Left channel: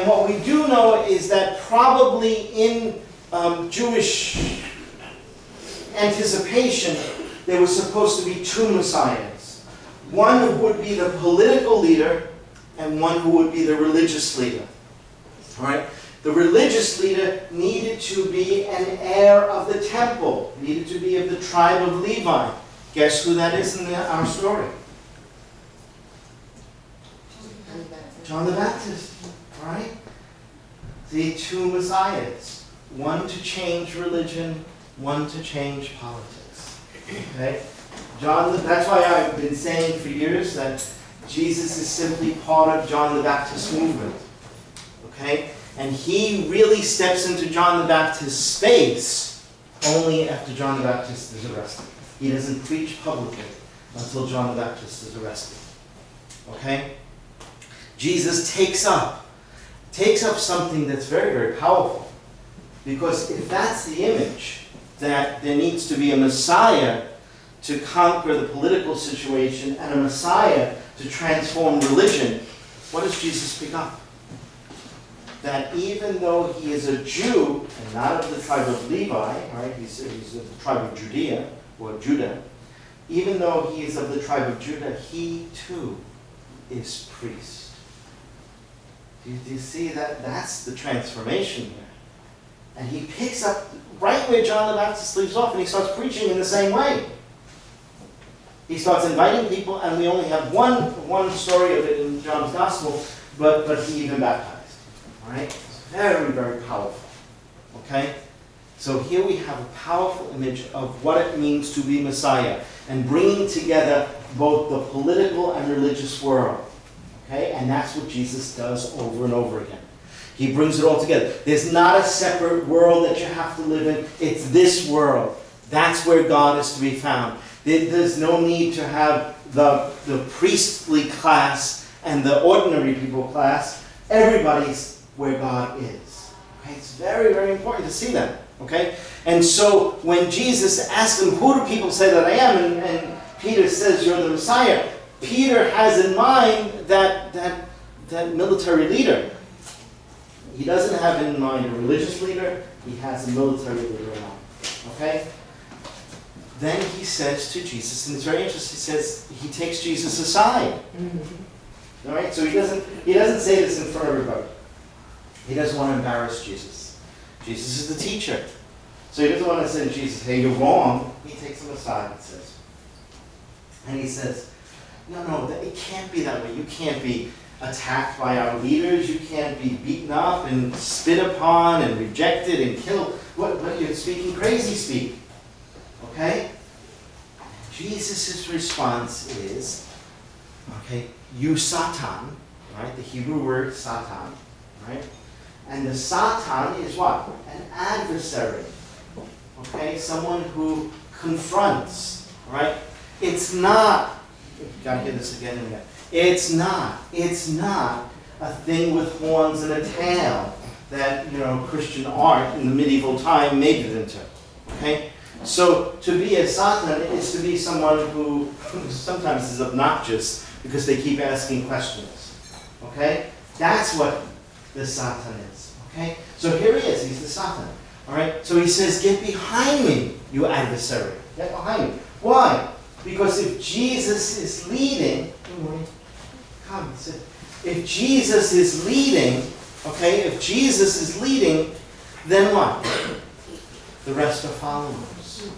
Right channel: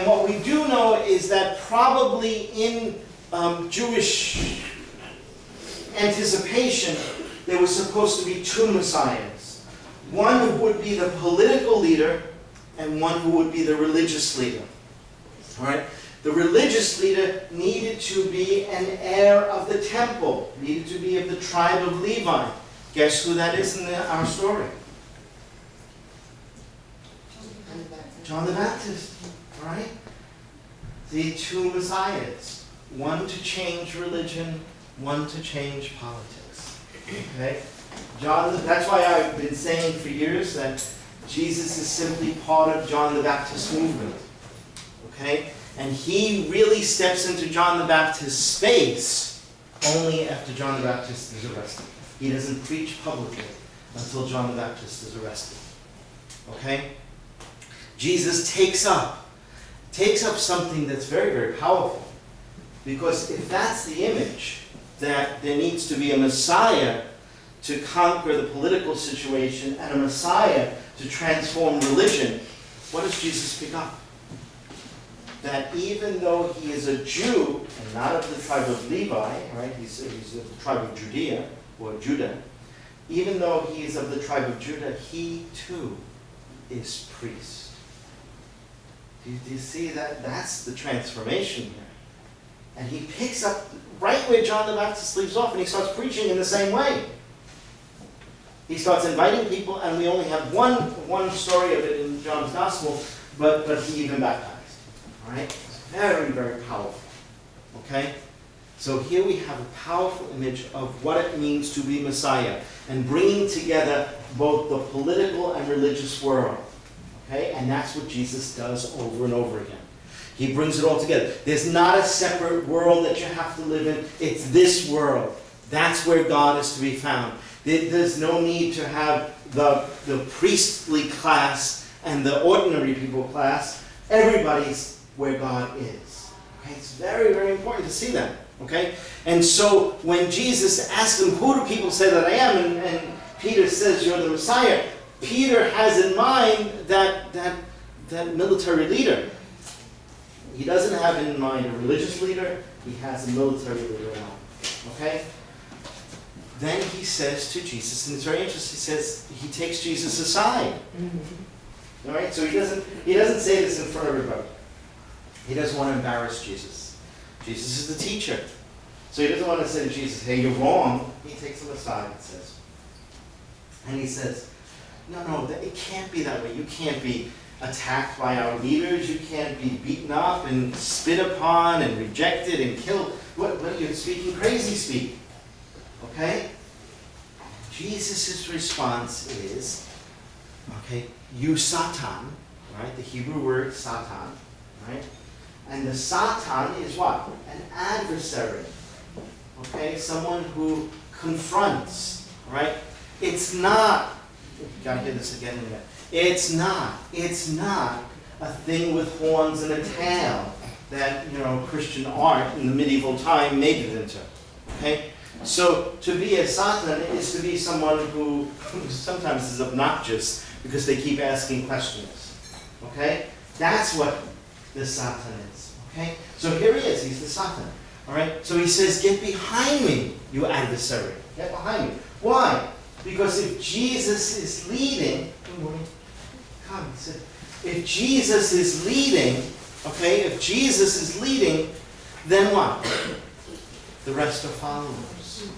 And what we do know is that probably in Jewish anticipation, there was supposed to be two messiahs. One who would be the political leader and one who would be the religious leader. All right? The religious leader needed to be an heir of the temple, needed to be of the tribe of Levi. Guess who that is in our story? John the Baptist. All right? The two messiahs. One to change religion, one to change politics. Okay? That's why I've been saying for years that Jesus is simply part of John the Baptist movement. Okay? And he really steps into John the Baptist's space only after John the Baptist is arrested. He doesn't preach publicly until John the Baptist is arrested. Okay? Jesus takes up something that's very, very powerful. Because if that's the image, that there needs to be a Messiah to conquer the political situation and a Messiah to transform religion, what does Jesus pick up? That even though he is a Jew and not of the tribe of Levi, right? He's of the tribe of Judea, or Judah. Even though he is of the tribe of Judah, he too is priest. Do you see that? That's the transformation here. And he picks up right where John the Baptist leaves off, and he starts preaching in the same way. He starts inviting people, and we only have one story of it in John's Gospel, but he even baptized. All right? It's very, very powerful. Okay? So here we have a powerful image of what it means to be Messiah, and bringing together both the political and religious world. Okay? And that's what Jesus does over and over again. He brings it all together. There's not a separate world that you have to live in. It's this world. That's where God is to be found. There's no need to have the priestly class and the ordinary people class. Everybody's where God is. Okay? It's very, very important to see that. Okay? And so when Jesus asks them, who do people say that I am? And Peter says, you're the Messiah. Peter has in mind that military leader. He doesn't have in mind a religious leader. He has a military leader in mind. Okay? Then he says to Jesus, and it's very interesting, he says, he takes Jesus aside. All right? So he doesn't say this in front of everybody. He doesn't want to embarrass Jesus. Jesus is the teacher. So he doesn't want to say to Jesus, hey, you're wrong. He takes him aside and he says, no, it can't be that way. You can't be attacked by our leaders. You can't be beaten up and spit upon and rejected and killed. What you're speaking crazy speak. Okay? Jesus' response is, okay, you Satan, right? The Hebrew word Satan, right? And the Satan is what? An adversary. Okay? Someone who confronts, right? It's not, you've got to hear this again and again. It's not a thing with horns and a tail that, Christian art in the medieval time made it into. Okay? So to be a Satan is to be someone who sometimes is obnoxious because they keep asking questions. Okay? That's what the Satan is. Okay? So here he is. He's the Satan. All right? So he says, get behind me, you adversary. Get behind me. Why? Because if Jesus is leading, come, sit. If Jesus is leading, okay, then what? The rest are followers.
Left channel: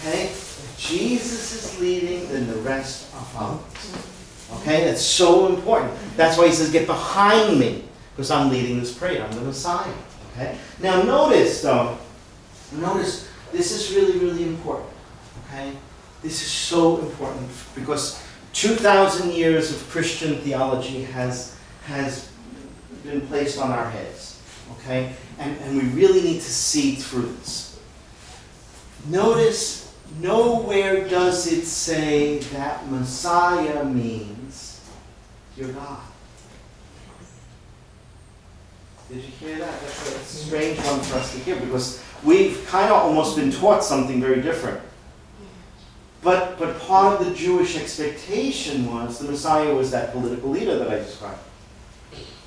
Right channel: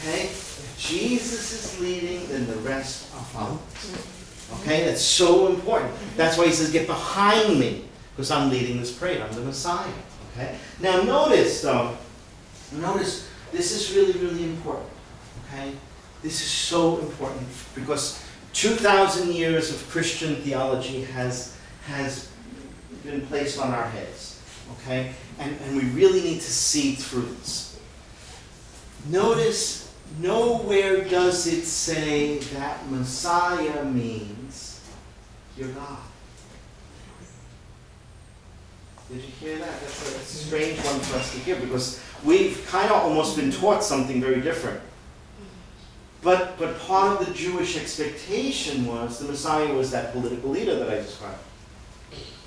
Okay? If Jesus is leading, then the rest are followers. Okay? That's so important. That's why he says, get behind me, because I'm leading this parade. I'm the Messiah. Okay? Now notice, this is really, really important. Okay? This is so important because 2,000 years of Christian theology has been placed on our heads. Okay? And we really need to see through this. Notice, nowhere does it say that Messiah means you're God. Did you hear that? That's a strange one for us to hear because we've kind of almost been taught something very different. But part of the Jewish expectation was the Messiah was that political leader that I described.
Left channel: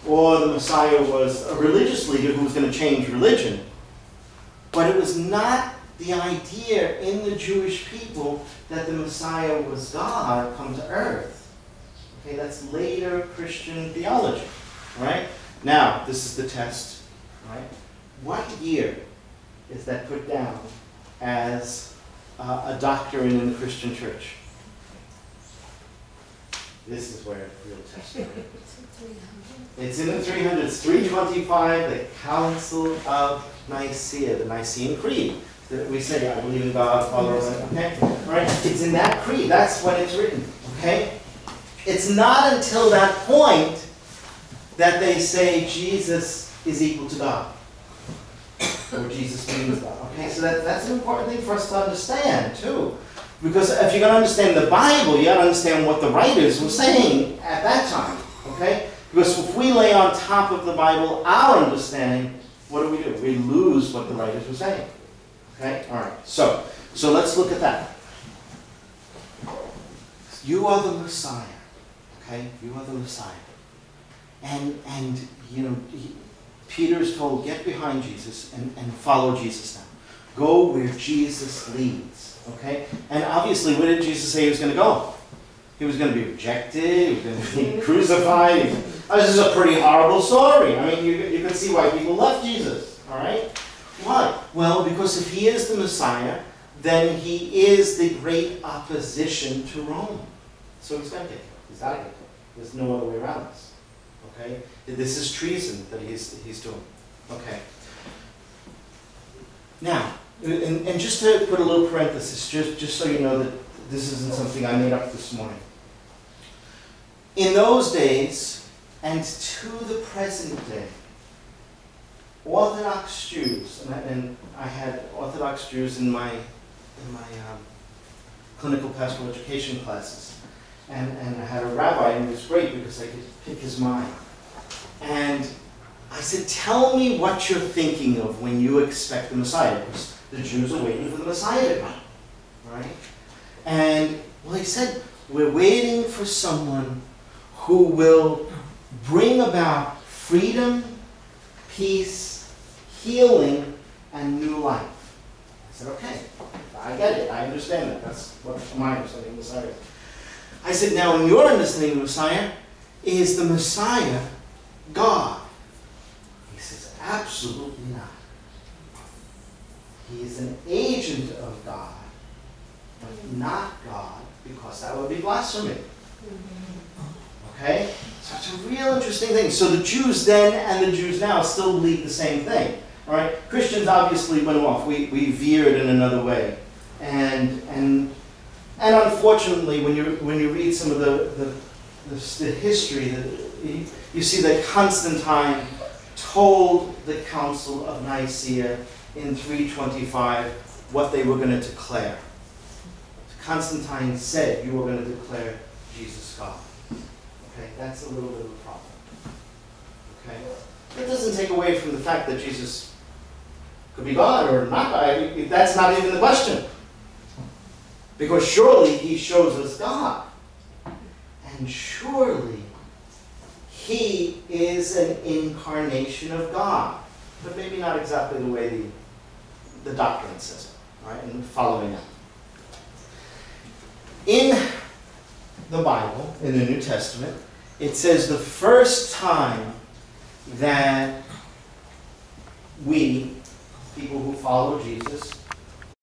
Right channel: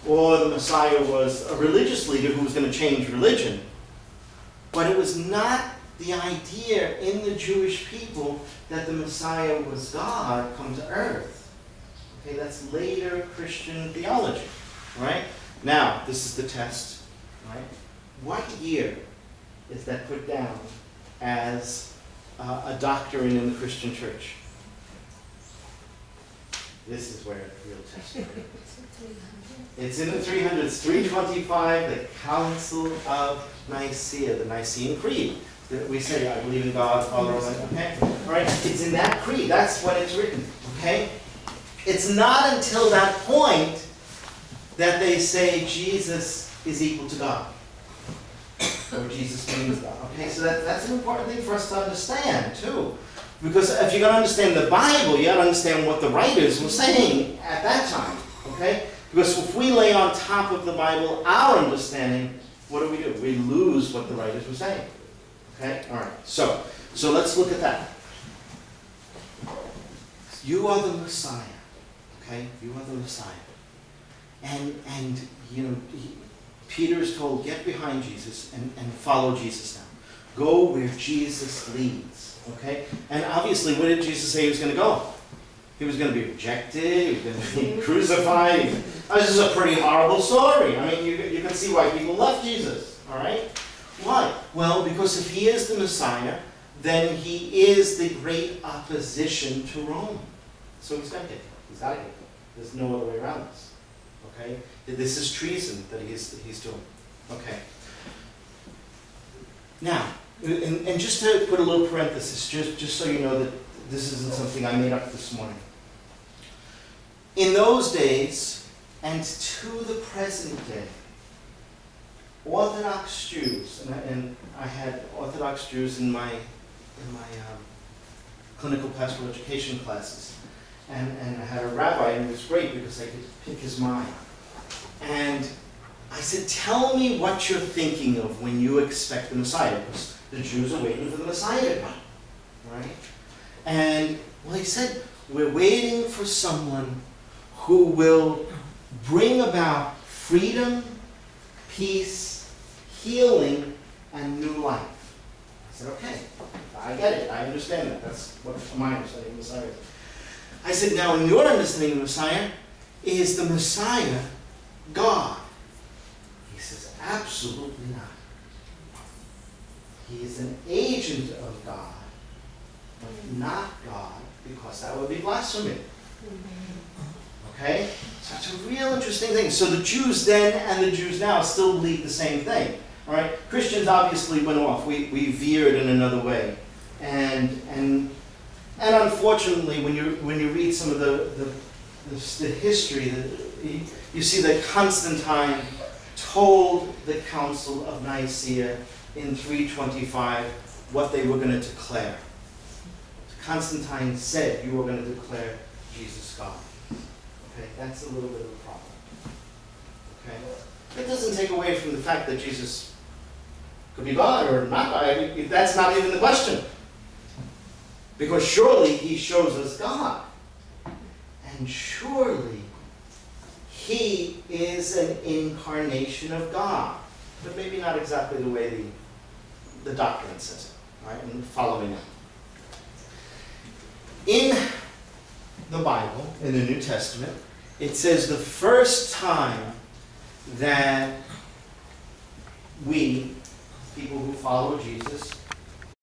or the Messiah was a religious leader who was going to change religion. But it was not the idea in the Jewish people that the Messiah was God come to earth. Okay, that's later Christian theology, right? Now, this is the test, right? What year is that put down as a doctrine in the Christian church? This is where the real test is. It's in the 300s, 325, the Council of Nicaea, the Nicene Creed. That we say, I believe in God, Father, okay? Right? It's in that creed. That's when it's written, okay? It's not until that point that they say Jesus is equal to God. Or Jesus means God. Okay, so that's an important thing for us to understand, too. Because if you're going to understand the Bible, you got to understand what the writers were saying at that time, okay? Because if we lay on top of the Bible our understanding, what do? We lose what the writers were saying. Okay? All right. So let's look at that. You are the Messiah. Okay? You are the Messiah. And you know, Peter is told, get behind Jesus and follow Jesus now. Go where Jesus leads. Okay? And obviously, where did Jesus say he was going to go? He was going to be rejected. He was going to be crucified. This is a pretty horrible story. I mean, you can see why people left Jesus. All right? Why? Well, because if he is the Messiah, then he is the great opposition to Rome. So he's going to get killed. He's got to get killed. There's no other way around this. Okay? This is treason that he's doing. Okay. Now, and just to put a little parenthesis, just so you know that this isn't something I made up this morning. In those days, and to the present day, Orthodox Jews, and I had Orthodox Jews in my clinical pastoral education classes, and I had a rabbi, and it was great because I could pick his mind. And I said, tell me what you're thinking of when you expect the Messiah, because the Jews are waiting for the Messiah to come, right? And, well, he said, we're waiting for someone who will bring about freedom, peace, healing, and new life. I said, okay, I get it. I understand that. That's what my understanding of Messiah is. I said, now, in your understanding of Messiah, is the Messiah God? He says, absolutely not. He is an agent of God, but not God, because that would be blasphemy. Okay? So it's a real interesting thing. So the Jews then and the Jews now still believe the same thing. All right? Christians obviously went off. We veered in another way. And unfortunately, when you read some of the history, you see that Constantine told the Council of Nicaea in 325 what they were going to declare. Constantine said, you are going to declare Jesus God. Okay, that's a little bit of a problem. Okay? It doesn't take away from the fact that Jesus could be God or not God. That's not even the question. Because surely he shows us God. And surely he is an incarnation of God. But maybe not exactly the way the doctrine says it. Right? And following it. In the Bible, in the New Testament, it says the first time that we, people who follow Jesus,